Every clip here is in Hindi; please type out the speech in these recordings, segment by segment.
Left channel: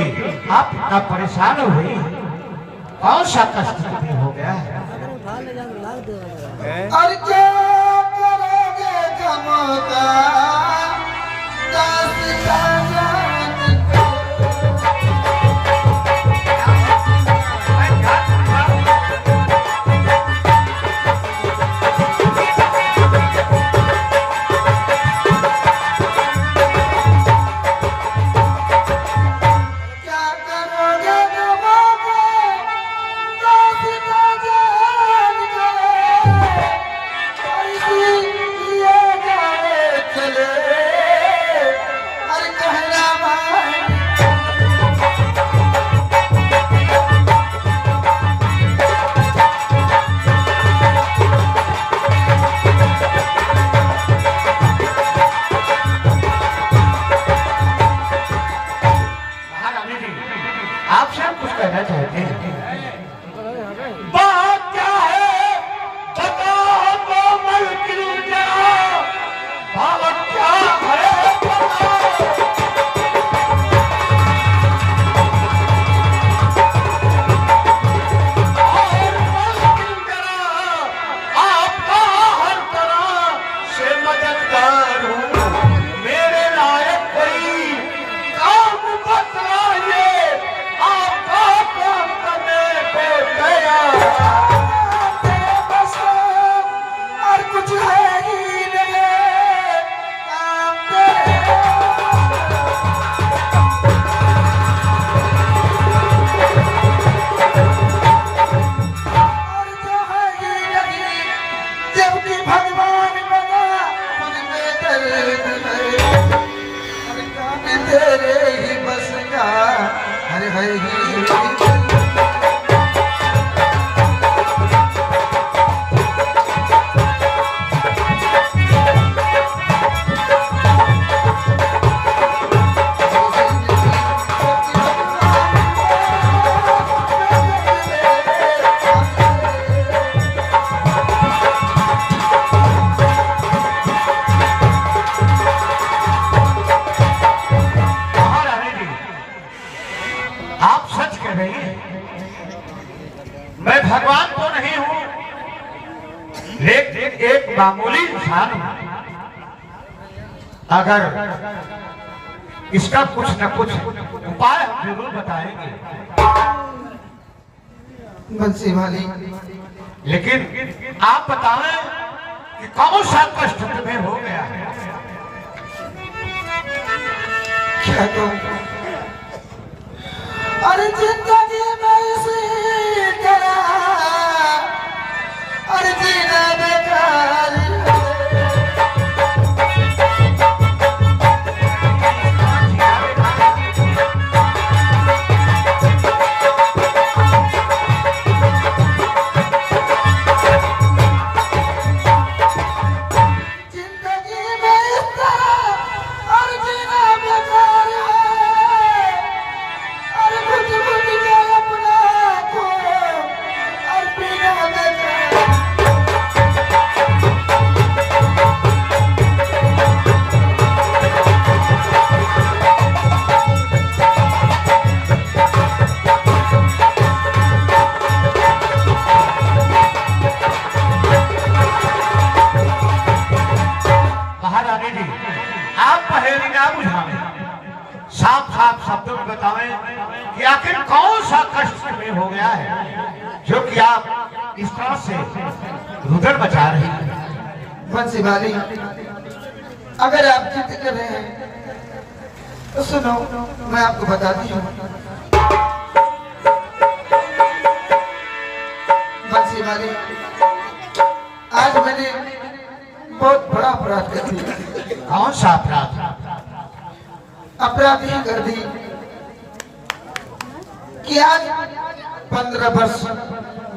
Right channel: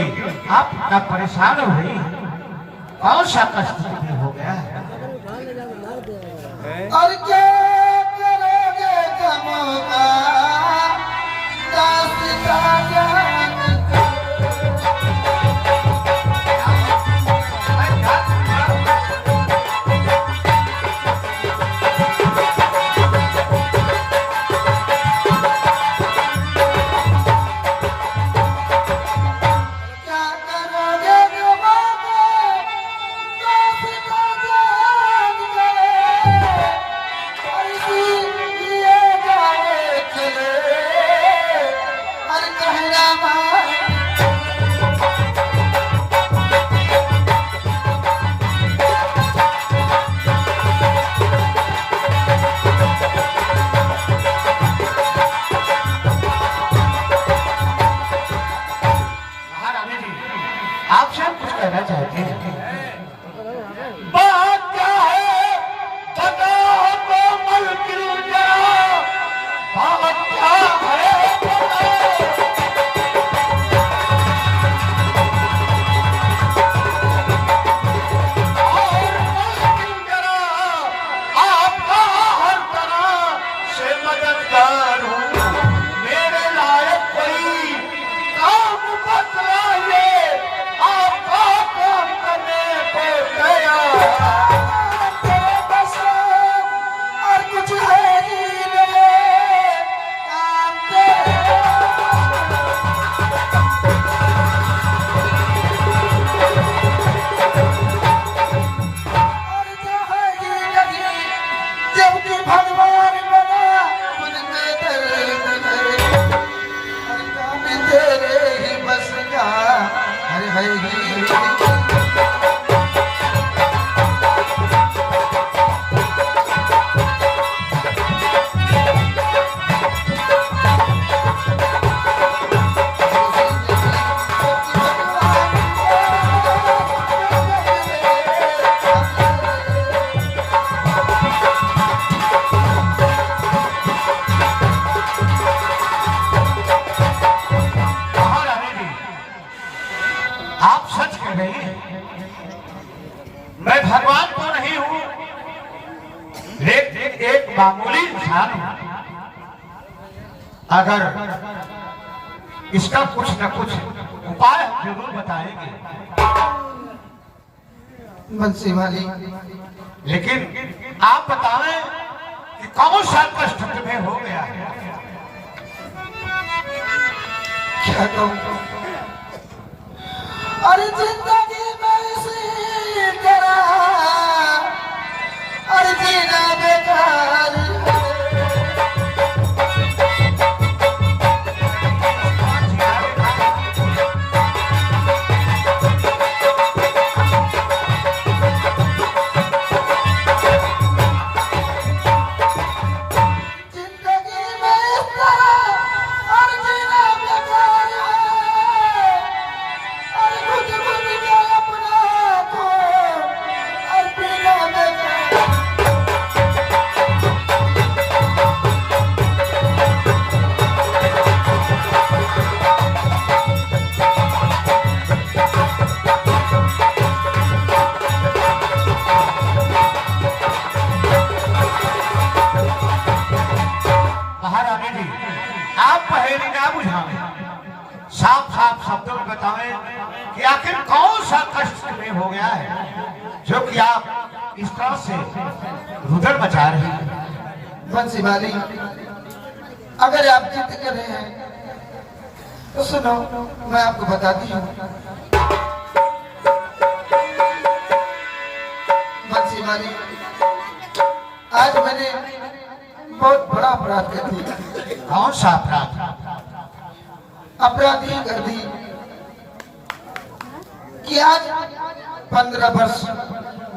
आप इतना परेशान हुई, कौन सा कष्ट तुम्हें हो गया है? और क्या करोगे गमों का दास्तां जान का। क्या करोगे गमों का दास्तां जान का। और इसीलिए गावे चले और कहना मान। महारानी जी, आपसे हम कुछ कहना चाहते हैं। बात क्या है बताओ तो मलकिन जरा, बात क्या है बताओ। और मलकिन जरा, आपका हर तरह से मददगार हूँ। मेरे लायक कोई काम बतलाइए, आपका काम करने को तैयार। तेरे बस और कुछ है ही नहीं, काम तेरे और जो है ही नहीं, जबकि भगवान बना उनमें दर्द है। और काम तेरे ही बस का हर है ही नहीं। महारानी जी, आप सच कह रही हैं। मैं भगवान तो नहीं हूं, लेकिन एक मामूली इंसान हूं। अगर इसका कुछ न कुछ उपाय हम जरूर बताएंगे, बंसी वाली लेकिन आप बताएं कि कौन सा कष्ट तुम्हें हो गया है? क्या कहूँ। अरे जिंदगी में इसी तरह अरे जीना बेकार है। जिंदगी में इस तरह और जीना बेकार है। और कुछ कुछ के अपना को और पीना बेकार है। महारानी जी, आप पहेली ना बुझाएं, साफ साफ शब्दों में बताएं कि आखिर कौन सा कष्ट तुम्हें हो गया है, जो कि आप इस तरह से रुदन बचा रही हैं। बंसी वाली, अगर आप जिद कर रहे हैं तो सुनो, मैं आपको बताती हूँ। बंसी वाली, आज मैंने बहुत बड़ा अपराध कर दिया। कौन सा अपराध? अपराध ही कर दी कि आज 15 वर्ष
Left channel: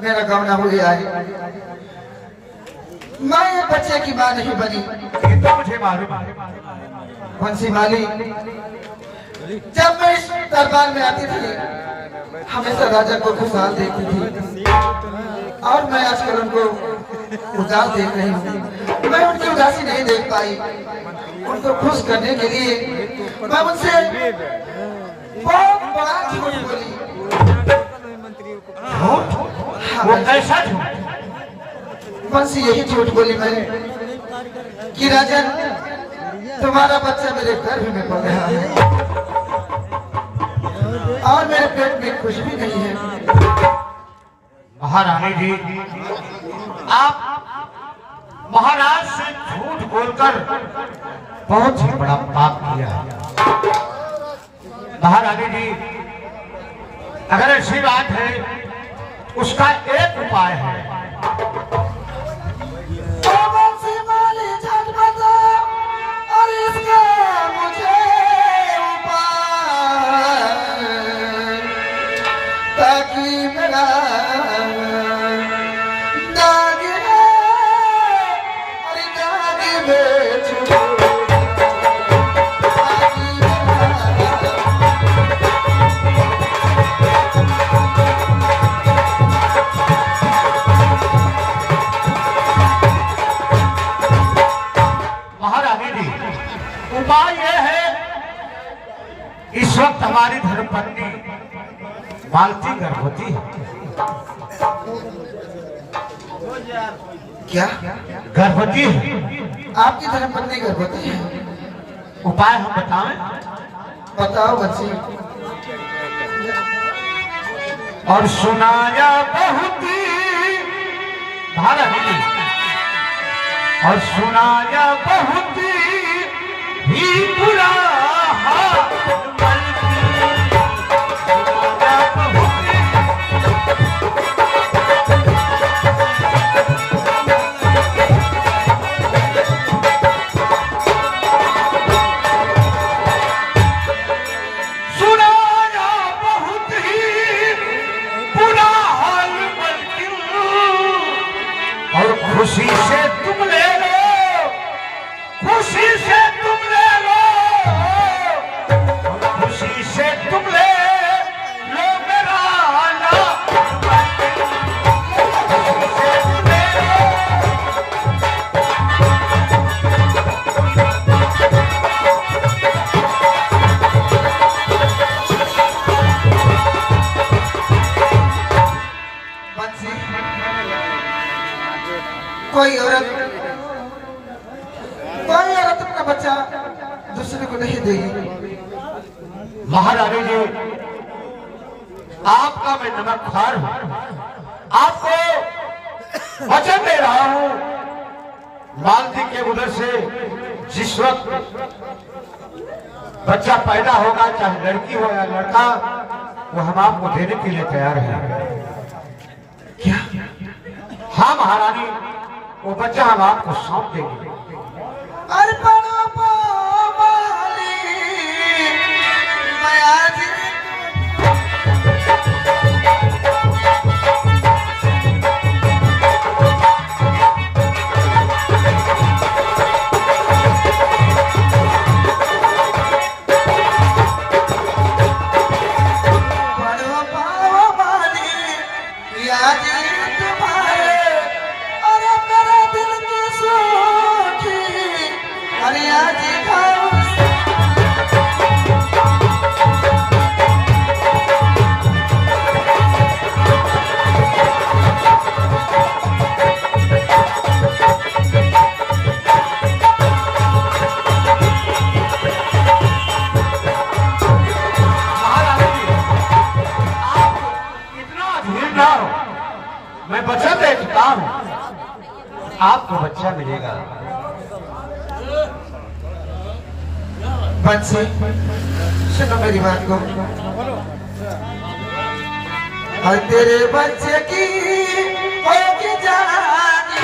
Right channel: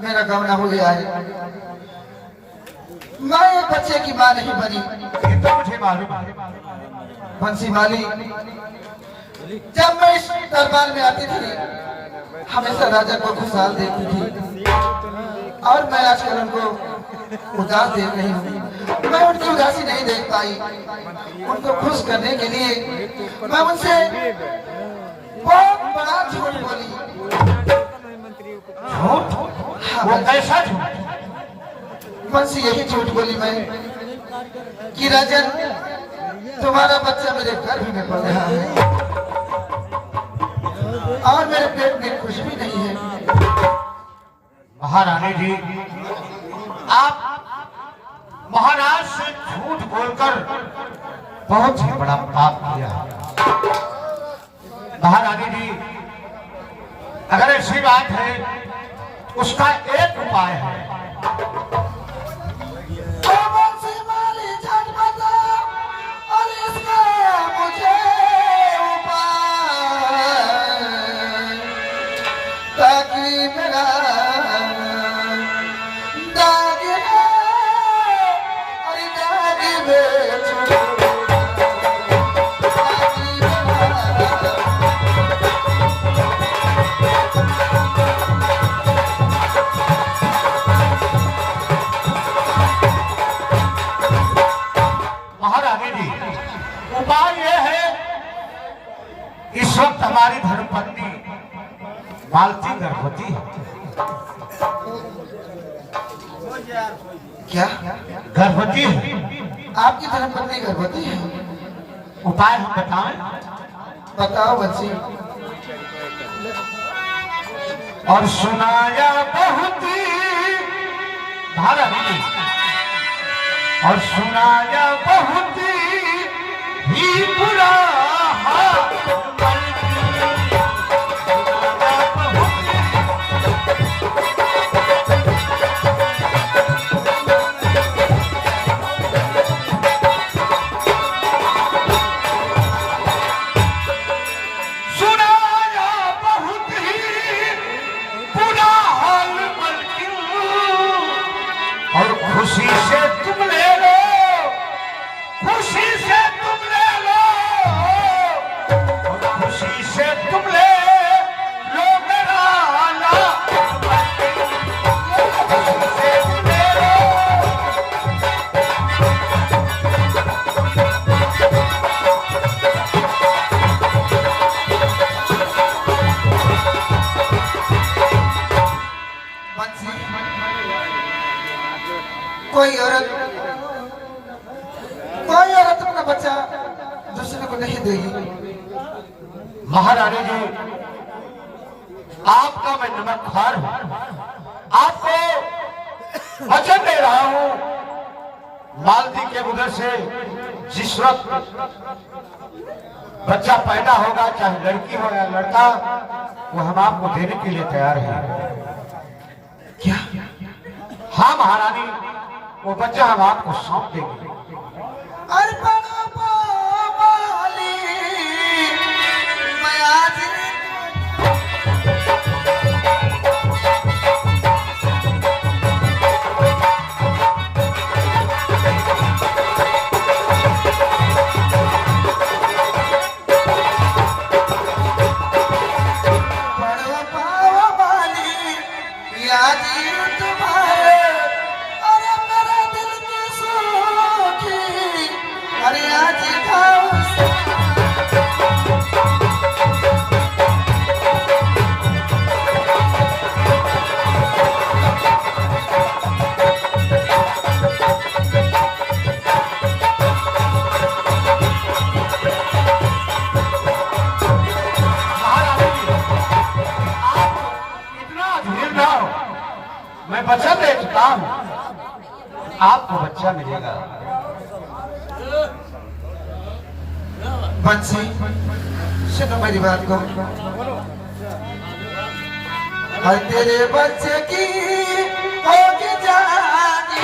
मेरा गौना हो गया है। मैं ये बच्चे की मां नहीं बनी। ये तो मुझे मालूम है। बंसी वाली, जब मैं इस दरबार में आती थी हमेशा राजा को खुशहाल देखती थी, और मैं आजकल उनको उदास देख रही हूँ। मैं उनकी उदासी नहीं देख पाई। उनको खुश करने के लिए मैं उनसे बहुत बड़ा झूठ बोली। झूठ? वो कैसा झूठ? बस यही झूठ बोली मैं कि राजन तुम्हारा बच्चा मेरे गर्भ में पल रहा है और मेरे पेट में कुछ भी नहीं है। महारानी जी, आप महाराज से झूठ बोलकर बहुत ही बड़ा पाप किया है। महारानी जी, अगर ऐसी बात है उसका एक उपाय है। और इसका मुझे उपाय ताकि मेरा दाग है और दाग में छुपा उपाय यह है, इस वक्त हमारी धर्मपत्नी मालती गर्भवती है। क्या गर्भवती है? आपकी धर्मपत्नी गर्भवती है? उपाय हम बताएं? बताओ बच्ची। और सुनाया बहुत भारत और सुनाया बहुत ही बुरा खुशी से तुम ले लो, खुशी से तुम ले लो, खुशी से तुम ले लो मेरा आला, खुशी से तुम ले लो। कोई औरत अपना बच्चा दूसरे को नहीं देगी। महारानी जी, आपका मैं नमस्कार हूं, आपको वचन दे रहा हूं, मालती के उधर से जिस वक्त बच्चा पैदा होगा, चाहे लड़की हो या लड़का, वो हम आपको देने के लिए तैयार हैं। क्या? हाँ महारानी, वो बच्चा हम आपको सौंप देंगे। मैं वचन दे चुका हूं, आपको बच्चा मिलेगा। बंसी, सुनो मेरी बात को। और तेरे बच्चे की होगी जानी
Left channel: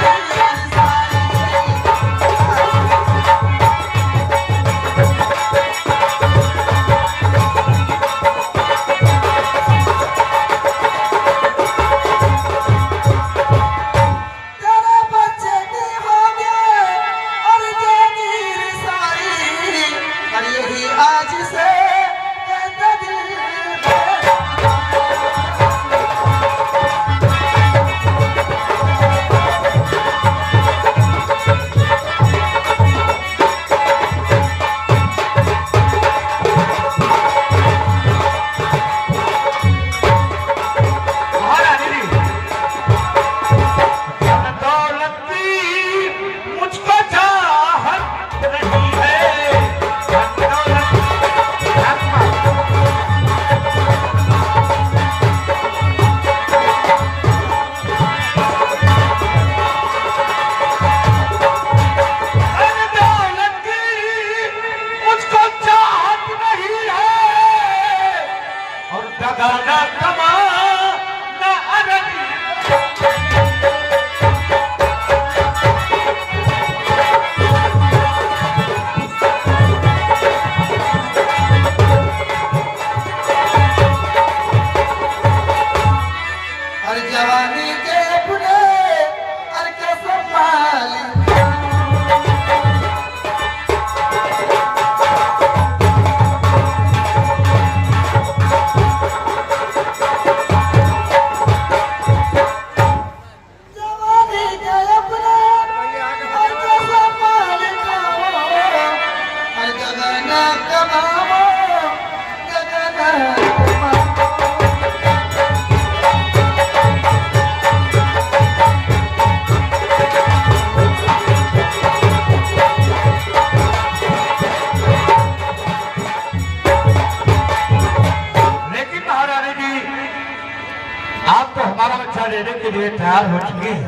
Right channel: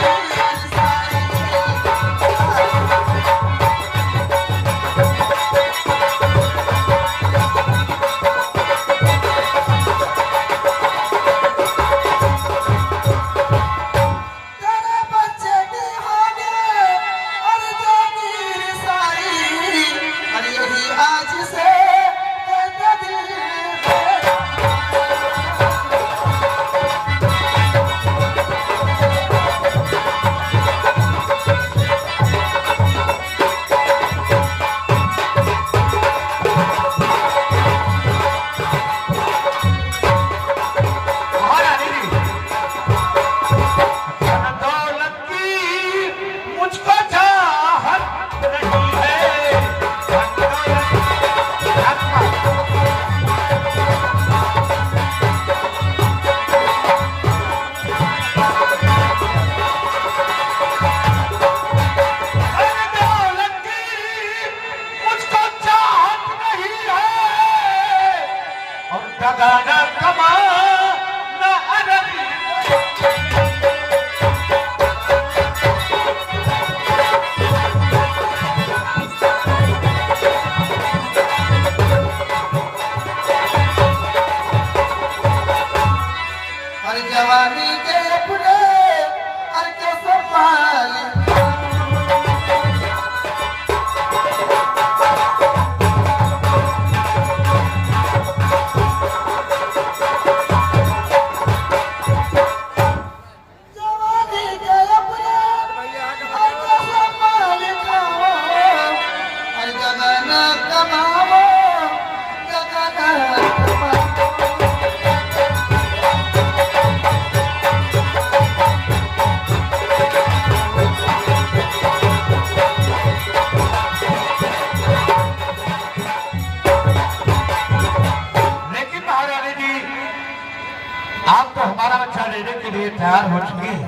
लेने के लिए तैयार हो चुकी है,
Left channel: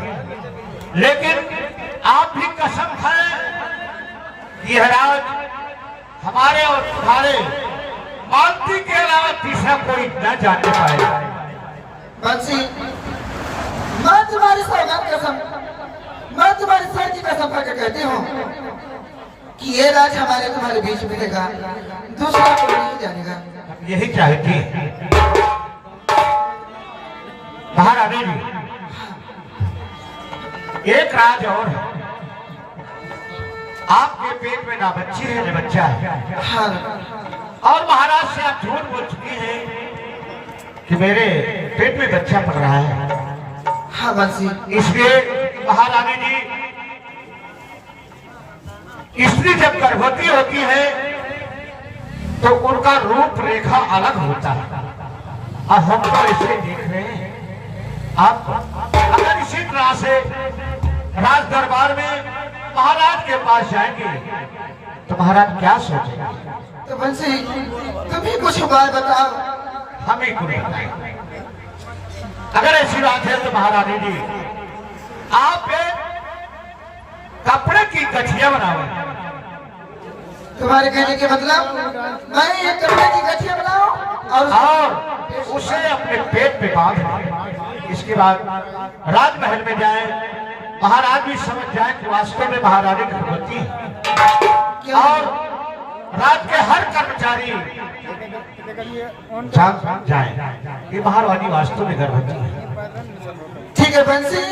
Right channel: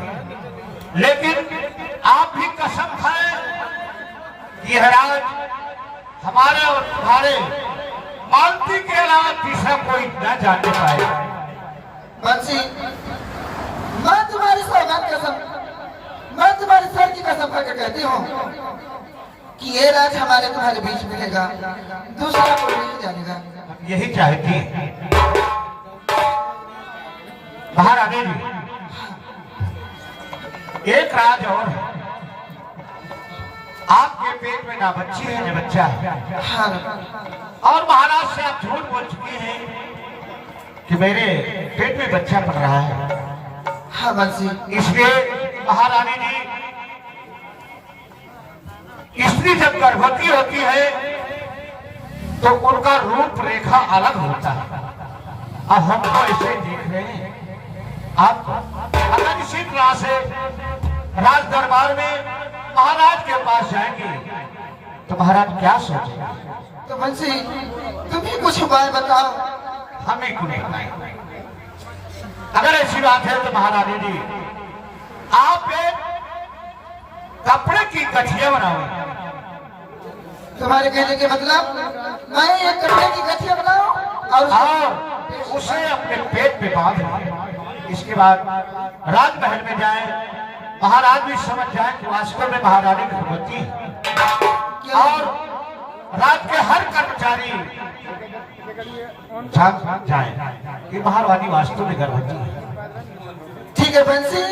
लेकिन आप भी कसम खाएं कि यह राज हमारे और तुम्हारे मालती के अलावा तीसरा कोई न जानने पाएगा। बंसी, मैं तुम्हारी सौगात कसम, मैं तुम्हारी सर की कसम करके कहती हूँ कि ये राज हमारे तुम्हारे बीच मिलेगा, दूसरा कोई नहीं जानेगा। यही चाहती है महारानी जी। एक राज और है, आपके पेट में ना बच्ची है ना बच्चा है। हाँ, और महाराज से आप झूठ बोल चुकी हैं कि मेरे पेट में बच्चा पड़ रहा है। हाँ बंसी, इसलिए महारानी जी, स्त्री जब गर्भवती होती है तो उनका रूप रेखा अलग होता है, और हम तो इसे देख रहे हैं। आप अगर इसी तरह से राज दरबार में महाराज के पास जाएंगे तो महाराज क्या सोचेंगे? तो बंसी तुम ही कुछ उपाय बताओ। हम ही कुछ बताएंगे। अगर ऐसी बात है तो महारानी जी, आप एक कपड़े की गठिया बनाओ। तुम्हारे कहने के मतलब मैं एक कपड़े की गठिया बनाऊं और उसे अपने पेट पे बांध। इसके बाद राजमहल में जाए, महाराज भी समझ जाए कि वास्तव में महारानी गर्भवती है, और राज के हर कर्मचारी जान जाए कि महारानी वास्तव में गर्भवती है। ठीक है बंसी,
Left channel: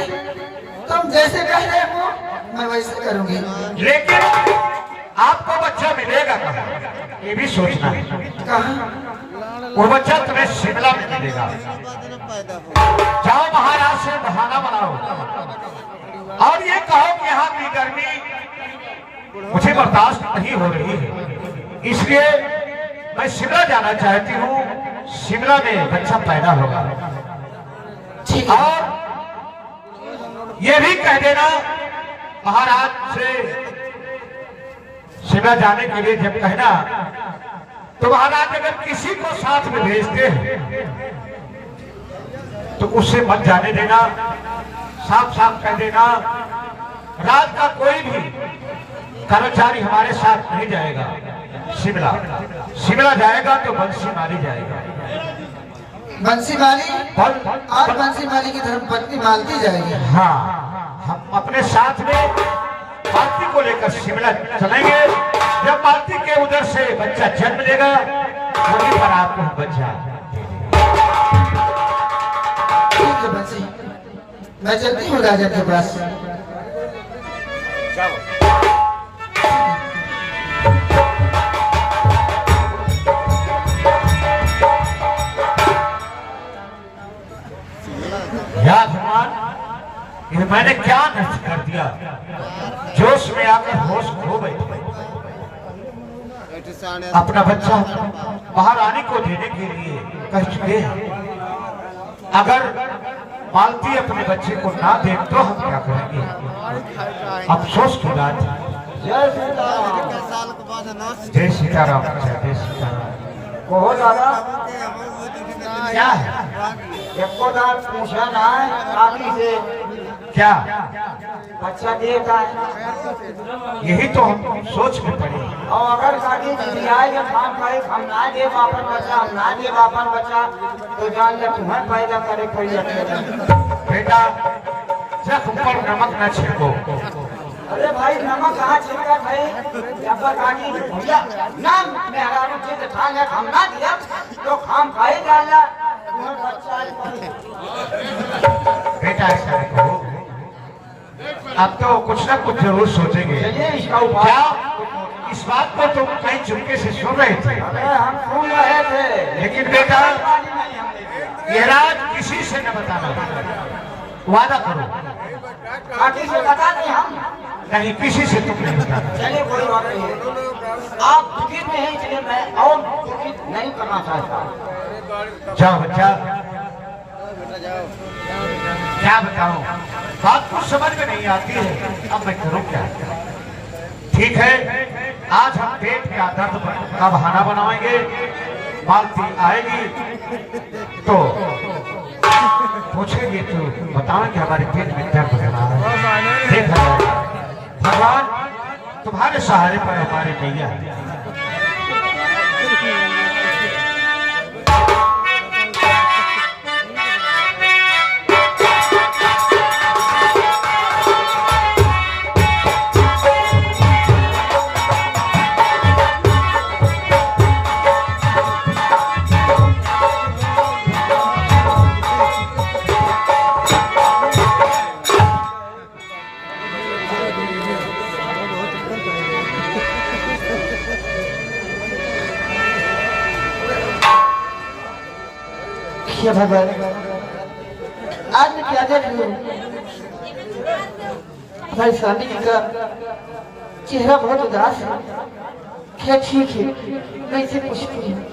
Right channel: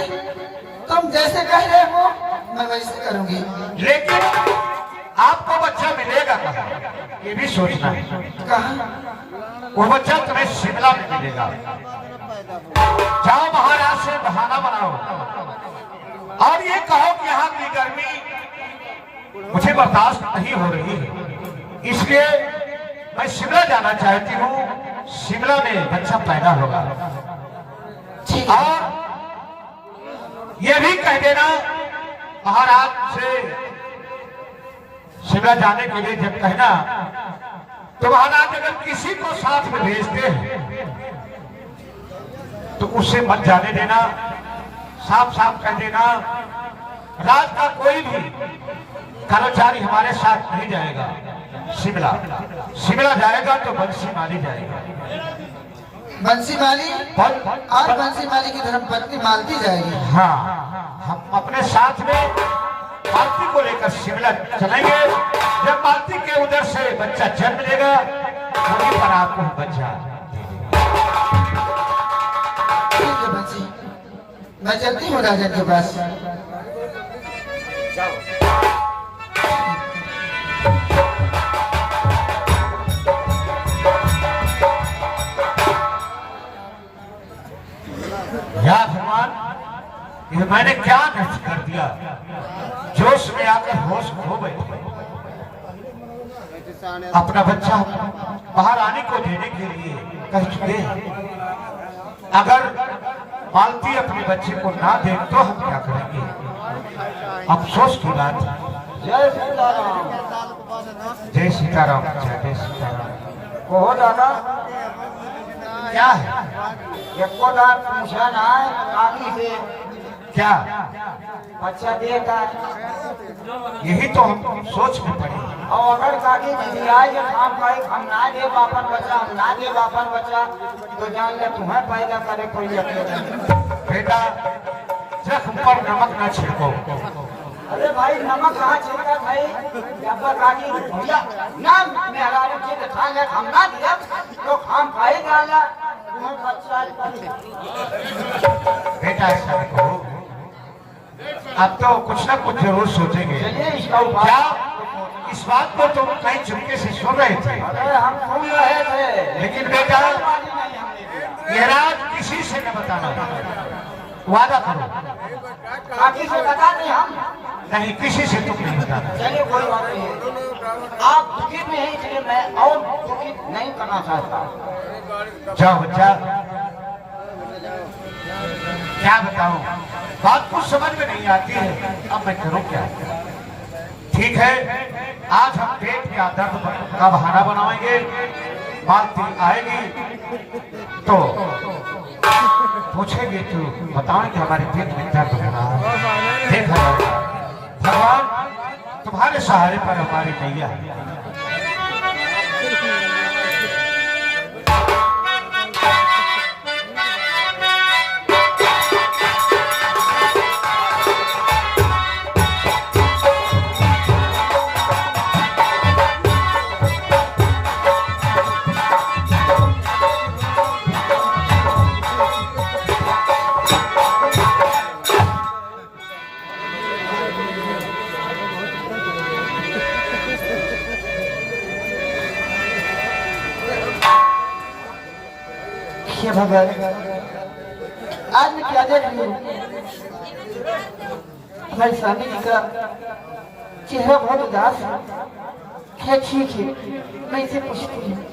तुम जैसे कह रहे हो मैं वैसे करूंगी। लेकिन आपको बच्चा मिलेगा कहाँ, ये भी सोचना है। कहाँ? वो बच्चा तुम्हें शिमला में मिलेगा। जाओ महाराज से बहाना बनाओ और ये कहो कि यहाँ की गर्मी मुझे बर्दाश्त नहीं हो रही है, इसलिए मैं शिमला जाना चाहती हूँ। शिमला में बच्चा पैदा होगा। ठीक है। और ये भी कह देना महाराज से, शिमला जाने के लिए जब कहना तो महाराज अगर किसी को साथ में भेजते हैं तो उससे मत जाने देना। साफ साफ कह देना राज का कोई भी कर्मचारी हमारे साथ नहीं जाएगा शिमला। शिमला जाएगा तो बंसी मारी जाएगा। बंसी माली और बंसी माली की धर्मपत्नी मालती जाएगी। हाँ, हम अपने साथ में मालती को लेकर शिमला चलेंगे। जब मालती के उधर से बच्चा जन्म लेगा वहीं पर आपको बच्चा दे देगा। ठीक है बंसी, मैं चलती हूँ राजा के पास। या भगवान, ये मैंने क्या नष्ट कर दिया? जोश में आकर होश खो बैठे। अपना बच्चा महारानी को देने के लिए कह चुके हैं। अगर मालती अपने बच्चे को ना दे तो हम क्या करेंगे? अफसोस की बात है। जय सीताराम। जय सीताराम। जय सीताराम। कहो दादा, क्या है? एको दार पूछा ना है काकी से क्या? बच्चा देता है। यही तो हम सोच में पड़े। और अगर काकी जी आए जब हम कहे हम ना दे बापन बच्चा, हम ना दे बापन बच्चा, तो जान ले तुम्हें पैदा करे कोई अकेला। बेटा, जख्म पर नमक न छिड़को। अरे भाई नमक कहाँ छिड़का भाई? जब काकी भैया नाम मेहरा के ठान ले हम ना दिया तो हम खाई डाल ले तुम्हें बच्चा। बेटा ऐसा न कहो, अब तो कुछ ना कुछ जरूर सोचेंगे। चलिए इसका उपाय। क्या इस बात को तुम कहीं चुपके से सुन रहे थे? अरे हम सुन रहे थे, लेकिन बेटा ये राज किसी से न बताना। वादा करो। काकी से बता दें हम। नहीं, किसी से तुम नहीं बताना। चलिए कोई बात नहीं, आप दुखित में हैं इसलिए मैं और दुखित नहीं करना चाहता। जाओ बच्चा, क्या बताऊं? बात कुछ समझ में नहीं आती है, अब मैं करूं क्या? ठीक है, आज हम पेट का दर्द का बहाना बनाएंगे। मालती आएगी तो पूछेंगे तो बताएंगे हमारे पेट में दर्द हो रहा है। देखा भगवान तुम्हारे सहारे पर हमारे नैया है। हे भगवान, आज मैं क्या देख लूं? हमारे स्वामी जी का चेहरा बहुत उदास है। खैर ठीक है, मैं इसे पूछती हूँ।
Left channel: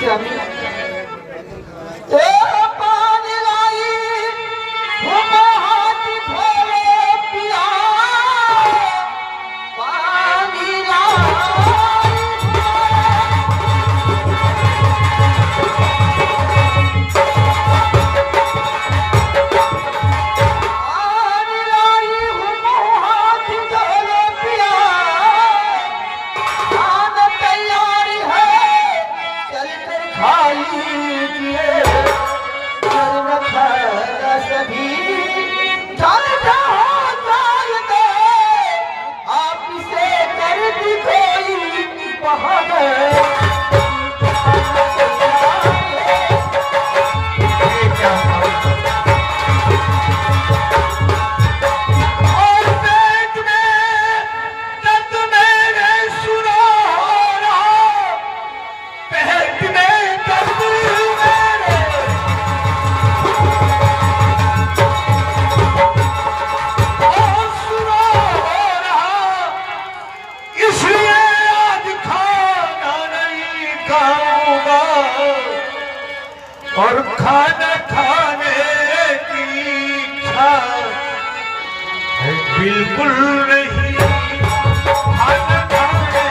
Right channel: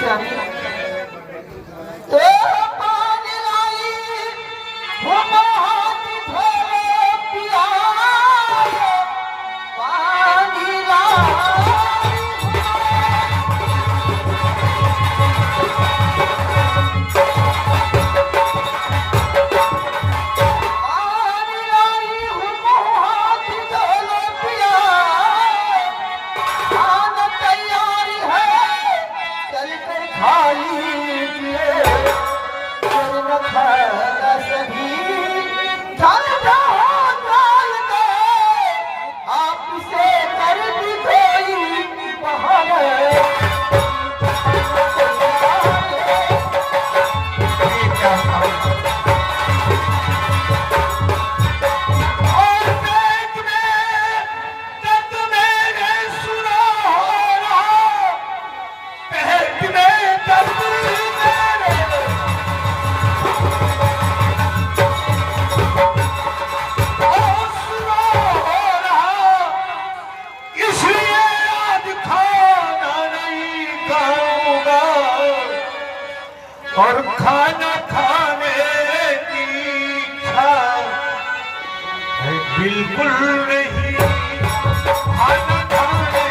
स्वामी, ओ पानी लाई, हो हाथ धोए पिया, पानी लाई। और खाना खाने की इच्छा है बिल्कुल नहीं। खाना खाने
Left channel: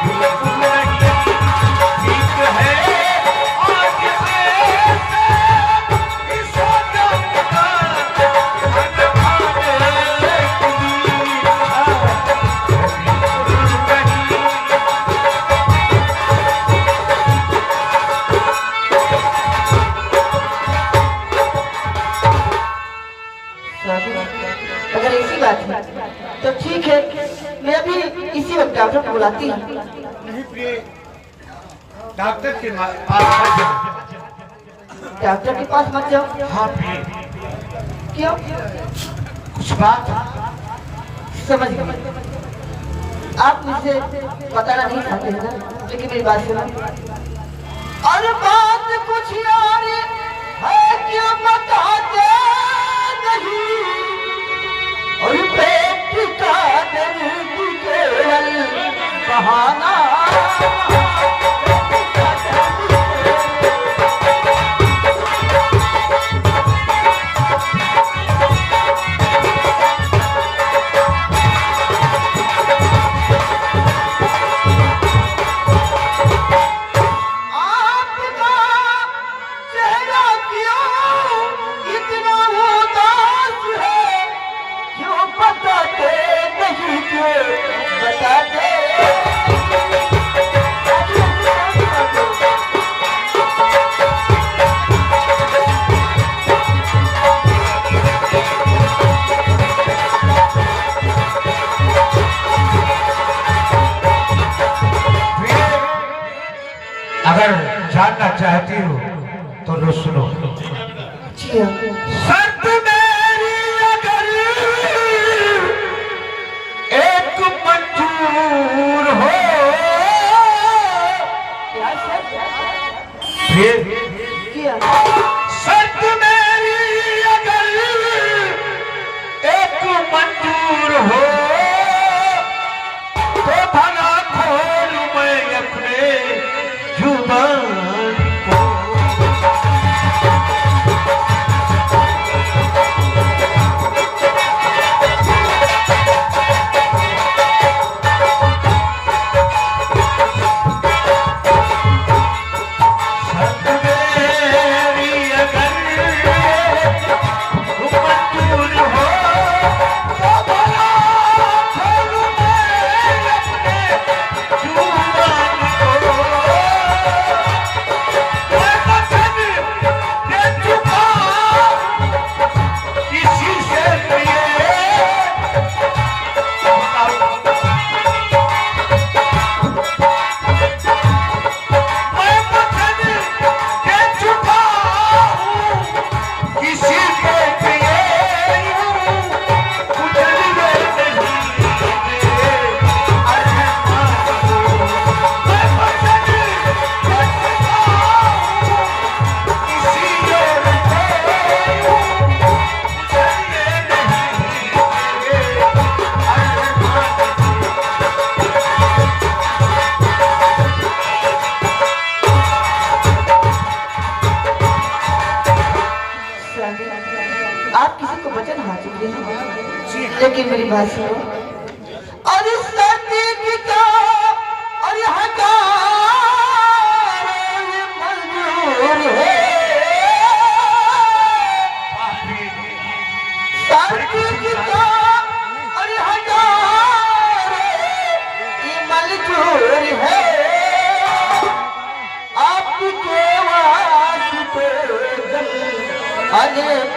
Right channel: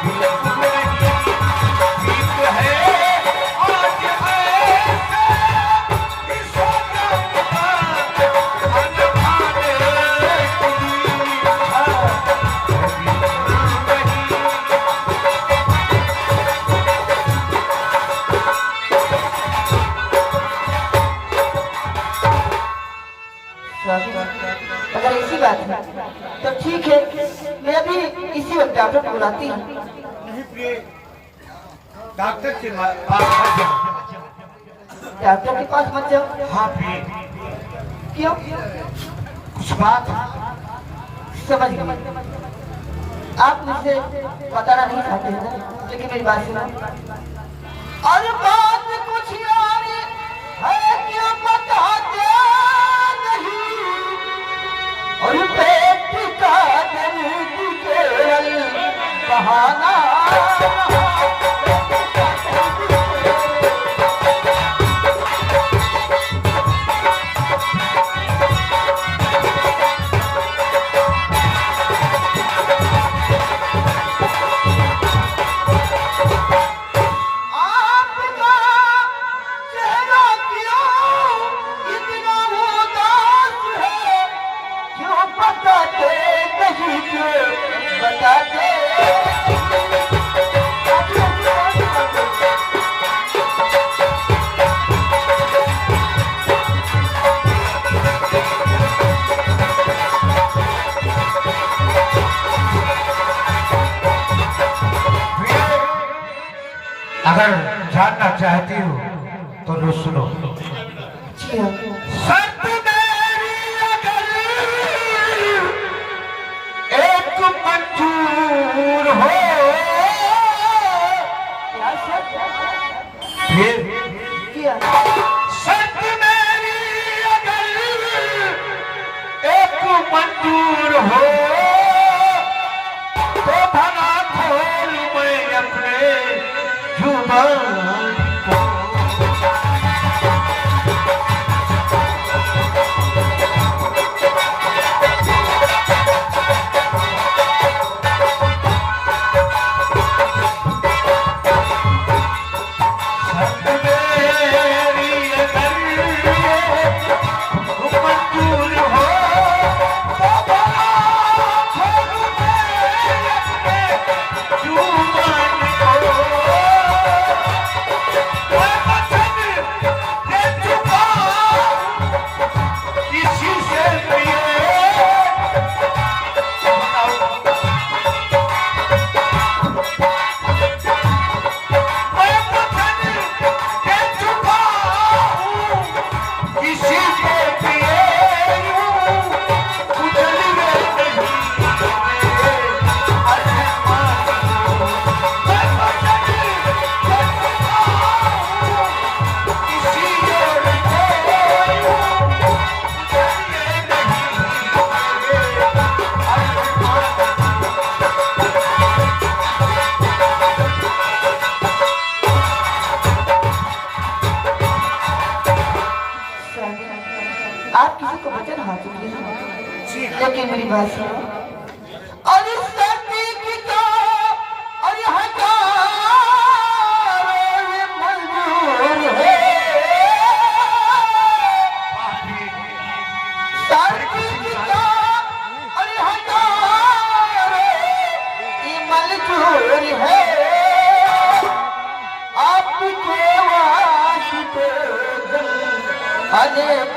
की इच्छा है बिल्कुल नहीं। ठीक है आज इस वक्त खाना खाने की इच्छा है बिल्कुल नहीं। अगर ऐसी बात है तो ठीक है, मैं अभी इसी वक्त डॉक्टर को बुलाती हूँ। नहीं प्रिय, डॉक्टर के पास मत जाओ। डॉक्टर के पास मत जाओ। हाँ प्रिय, क्यों? कुछ बात समझ गए। आप मुझसे बताना नहीं चाहते हैं ना, लेकिन मेरी बात सुनो। और बात कुछ यार है क्यों बताते नहीं, और पेट का दर्द केवल बहाना। अगर जानना चाहती हो तो लो सुनो। शर्त मेरी अगर एक मंजूर हो, शर्त मेरी अगर एक मंजूर हो, तो भला खोल मैं अपने जुबान को। मेरी बात सुनो। और इस सर्दी की तो और यहाँ का मंजूर है, सर्दी की तो और यहाँ का मंजूर है, आपके वास्ते अनेक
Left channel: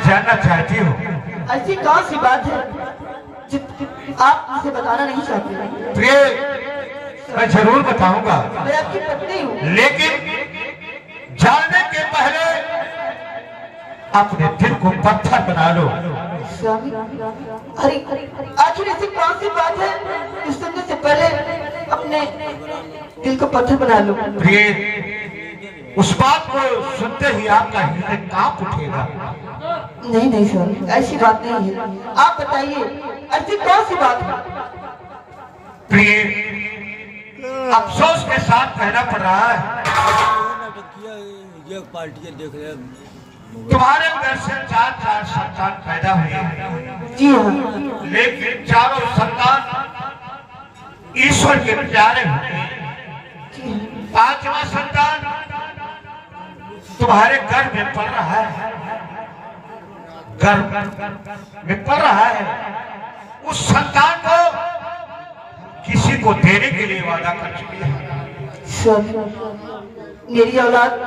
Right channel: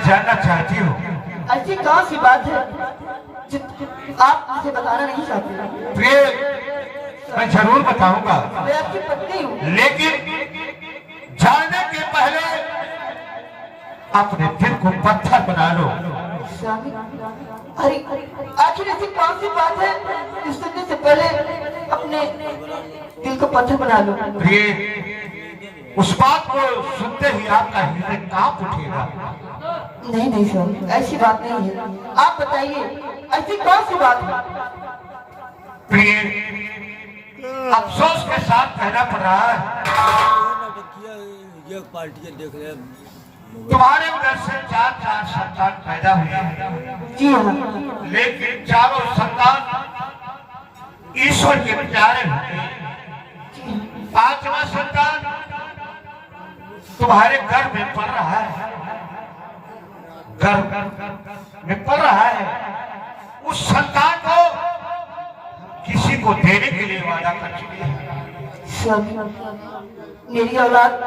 जानना चाहती हो? ऐसी कौन सी बात है जो आप मुझे बताना नहीं चाहते? प्रिय, मैं जरूर बताऊंगा, मैं आपकी पत्नी हूँ। लेकिन जानने के पहले अपने दिल को पत्थर बना लो। स्वामी, अरे आखिर ऐसी कौन सी बात है जो सुनने से पहले अपने दिल को पत्थर बना लो? प्रिय, उस बात को सुनते ही आपका हृदय कांप उठेगा। नहीं स्वामी, ऐसी बात नहीं है। आप बताइए ऐसी कौन सी बात है? प्रिय, अफसोस के साथ कहना पड़ रहा है, पार्टी देख रहे तुम्हारे घर से 4 संतान पैदा हुए। जी हाँ। लेकिन चारों संतान ईश्वर के प्यारे हुए। 5वां संतान तुम्हारे गर्भ में पड़ रहा है, गर्भ में पड़ रहा है। उस संतान को किसी को देने के लिए वादा कर चुकी है। मेरी औलाद